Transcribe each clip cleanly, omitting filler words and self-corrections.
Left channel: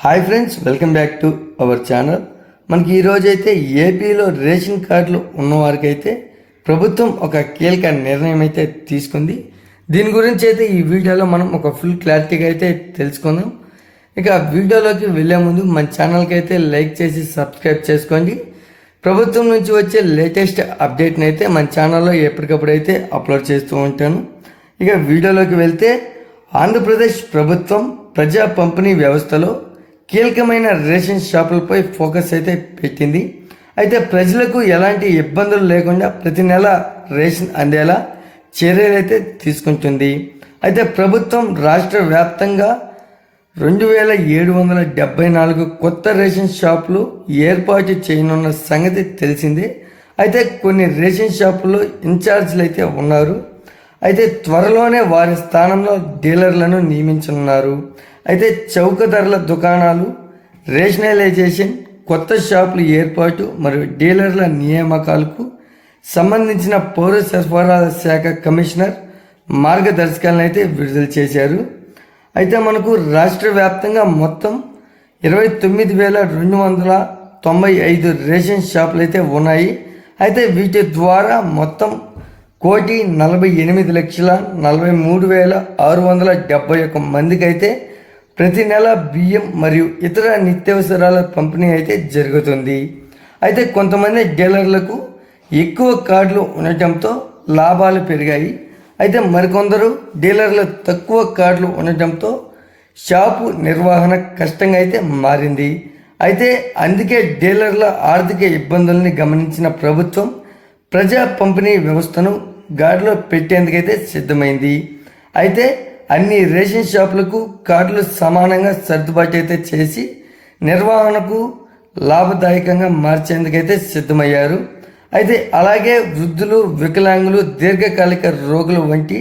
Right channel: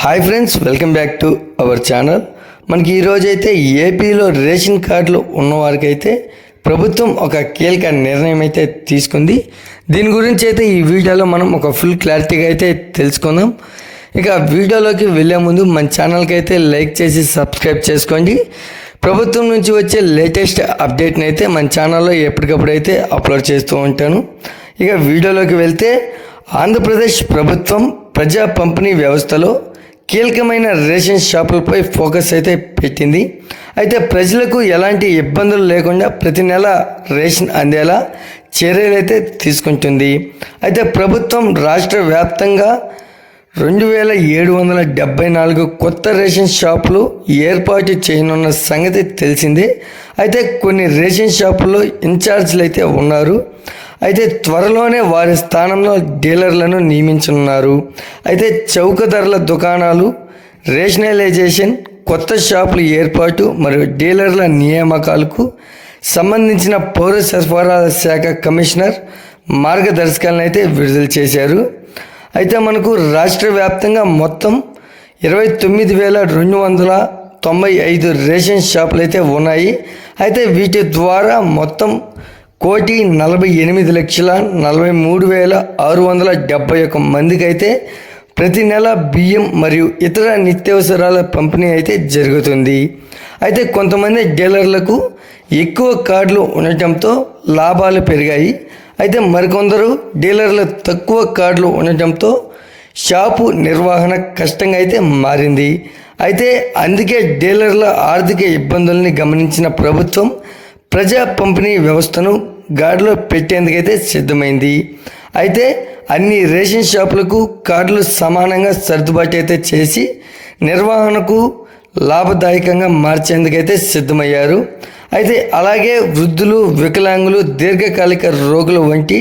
Hi friends, welcome back to our channel. మనకి ఈరోజు అయితే ఏపీలో రేషన్ కార్డులు ఉన్నవారికైతే ప్రభుత్వం ఒక కీలక నిర్ణయం అయితే తీసుకుంది. దీని గురించి అయితే ఈ వీడియోలో మనం ఒక ఫుల్ క్లారిటీగా అయితే తెలుసుకుందాం. ఇక వీడియోలోకి వెళ్ళే ముందు మన ఛానల్కి అయితే లైక్ చేసి సబ్స్క్రైబ్ చేసుకోండి. ప్రభుత్వం నుంచి వచ్చే లేటెస్ట్ అప్డేట్ని అయితే మన ఛానల్లో ఎప్పటికప్పుడు అయితే అప్లోడ్ చేస్తూ ఉంటాను. ఇక వీడియోలోకి వెళ్తే ఆంధ్రప్రదేశ్ ప్రభుత్వం ప్రజా పంపిణీ వ్యవస్థలో కీలకమైన రేషన్ షాపులపై ఫోకస్ అయితే పెట్టింది. అయితే ప్రజలకు ఎలాంటి ఇబ్బందులు లేకుండా ప్రతి నెల రేషన్ అందేలా చర్యలు అయితే తీసుకుంటుంది. అయితే ప్రభుత్వం రాష్ట్ర వ్యాప్తంగా 2774 కొత్త రేషన్ షాపులు ఏర్పాటు చేయనున్న సంగతి తెలిసిందే. అయితే కొన్ని రేషన్ షాపుల్లో ఇన్ఛార్జీలు అయితే ఉన్నారు. అయితే త్వరలోనే వారి స్థానంలో డీలర్లను నియమించనున్నారు. అయితే చౌక ధరల దుకాణాలు, రేషనలైజేషన్, కొత్త షాపుల ఏర్పాటు మరియు డీలర్ల నియామకాలకు సంబంధించిన పౌర సరఫరాల శాఖ కమిషనర్ మార్గదర్శకాలను అయితే విడుదల చేశారు. అయితే మనకు రాష్ట్ర వ్యాప్తంగా మొత్తం 29,295 రేషన్ షాపులు అయితే ఉన్నాయి. అయితే వీటి ద్వారా మొత్తం 1,48,43,671 మందికి అయితే ప్రతి నెల బియ్యం మరియు ఇతర నిత్యావసరాల పంపిణీ అయితే జరుగుతుంది. అయితే కొంతమంది డీలర్లకు ఎక్కువ కార్డులు ఉండటంతో లాభాలు పెరిగాయి. అయితే మరికొందరు డీలర్లు తక్కువ కార్డులు ఉండటంతో షాపు నిర్వహణ కష్టంగా అయితే మారింది. అయితే అందుకే డీలర్ల ఆర్థిక ఇబ్బందుల్ని గమనించిన ప్రభుత్వం ప్రజా పంపిణీ వ్యవస్థను గాడిలో పెట్టేందుకైతే సిద్ధమైంది. అయితే అన్ని రేషన్ షాపులకు కార్డులు సమానంగా సర్దుబాటు అయితే చేసి నిర్వహణకు లాభదాయకంగా మార్చేందుకైతే సిద్ధమయ్యారు. అయితే అలాగే వృద్ధులు, వికలాంగులు, దీర్ఘకాలిక రోగులు వంటి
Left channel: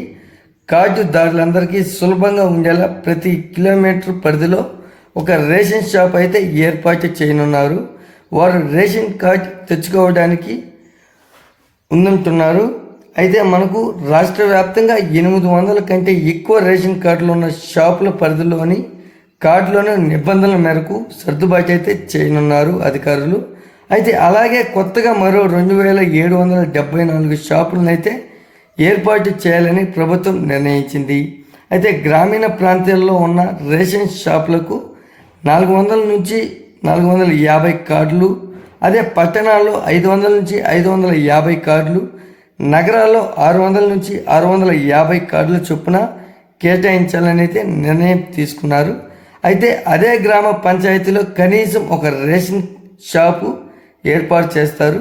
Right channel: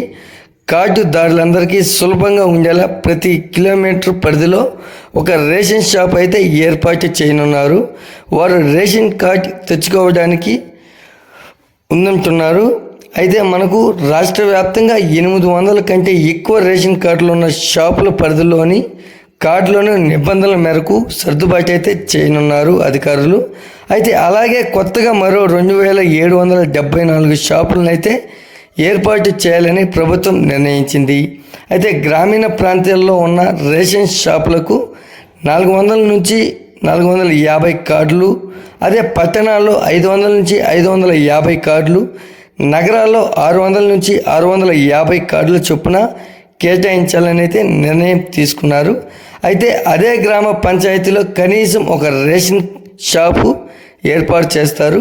కార్డుదారులందరికీ సులభంగా ఉండేలా ప్రతి కిలోమీటర్ పరిధిలో ఒక రేషన్ షాప్ అయితే ఏర్పాటు చేయనున్నారు. వారు రేషన్ కార్డు తెచ్చుకోవడానికి ఉందంటున్నారు. అయితే మనకు రాష్ట్ర వ్యాప్తంగా 800 కంటే ఎక్కువ రేషన్ కార్డులు ఉన్న షాపుల పరిధిలోని కార్డులోని నిబంధనల మేరకు సర్దుబాటు అయితే చేయనున్నారు అధికారులు. అయితే అలాగే కొత్తగా మరో 2,774 షాపులను అయితే ఏర్పాటు చేయాలని ప్రభుత్వం నిర్ణయించింది. అయితే గ్రామీణ ప్రాంతాల్లో ఉన్న రేషన్ షాపులకు 400 నుంచి 450 కార్డులు, అదే పట్టణాల్లో 500 నుంచి 550 కార్డులు, నగరాల్లో 600 నుంచి 650 కార్డుల చొప్పున కేటాయించాలని అయితే నిర్ణయం తీసుకున్నారు. అయితే అదే గ్రామ పంచాయతీలో కనీసం ఒక రేషన్ షాపు ఏర్పాటు చేస్తారు.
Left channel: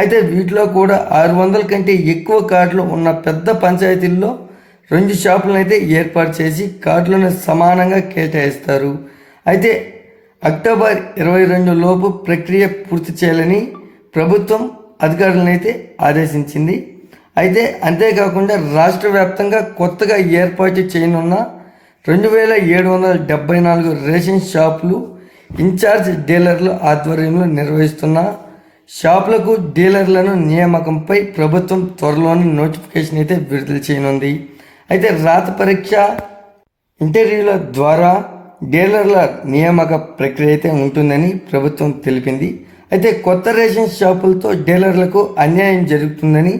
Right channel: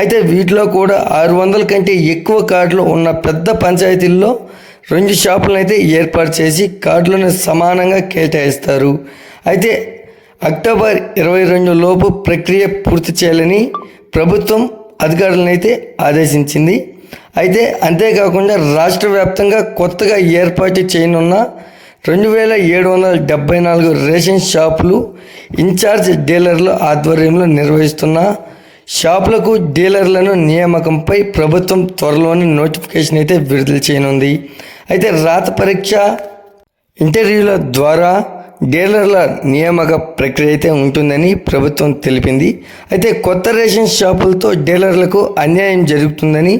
అయితే వీటిలో కూడా 600 కంటే ఎక్కువ కార్డులు ఉన్న పెద్ద పంచాయతీల్లో 2 షాపులను అయితే ఏర్పాటు చేసి కార్డులను సమానంగా కేటాయిస్తారు. అయితే అక్టోబర్ 22 లోపు ప్రక్రియ పూర్తి చేయాలని ప్రభుత్వం అధికారులను అయితే ఆదేశించింది. అయితే అంతేకాకుండా రాష్ట్ర వ్యాప్తంగా కొత్తగా ఏర్పాటు చేయనున్న 2,774 రేషన్ షాపులు ఇన్ఛార్జ్ డీలర్ల ఆధ్వర్యంలో నిర్వహిస్తున్న షాపులకు డీలర్లను నియామకంపై ప్రభుత్వం త్వరలోనే నోటిఫికేషన్ అయితే విడుదల చేయనుంది. అయితే రాత పరీక్ష, ఇంటర్వ్యూల ద్వారా డీలర్ల నియామక ప్రక్రియ అయితే ఉంటుందని ప్రభుత్వం తెలిపింది. అయితే కొత్త రేషన్ షాపులతో డీలర్లకు అన్యాయం జరుగుతుందని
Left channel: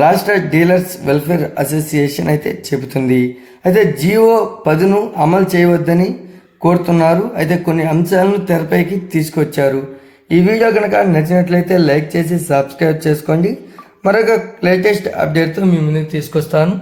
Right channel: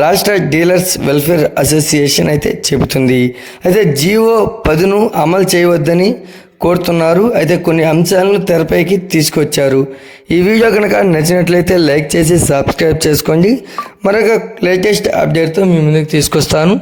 రాష్ట్ర డీలర్స్ వెల్ఫేర్ అసోసియేషన్ అయితే చెబుతుంది. అయితే జీవో 10ను అమలు చేయవద్దని కోరుతున్నారు. అయితే కొన్ని అంశాలను తెరపైకి తీసుకొచ్చారు. ఈ వీడియో కనుక నచ్చినట్లయితే లైక్ చేసి సబ్స్క్రైబ్ చేసుకోండి. మరొక లేటెస్ట్ అప్డేట్తో మీ ముందుకు తీసుకొస్తాను.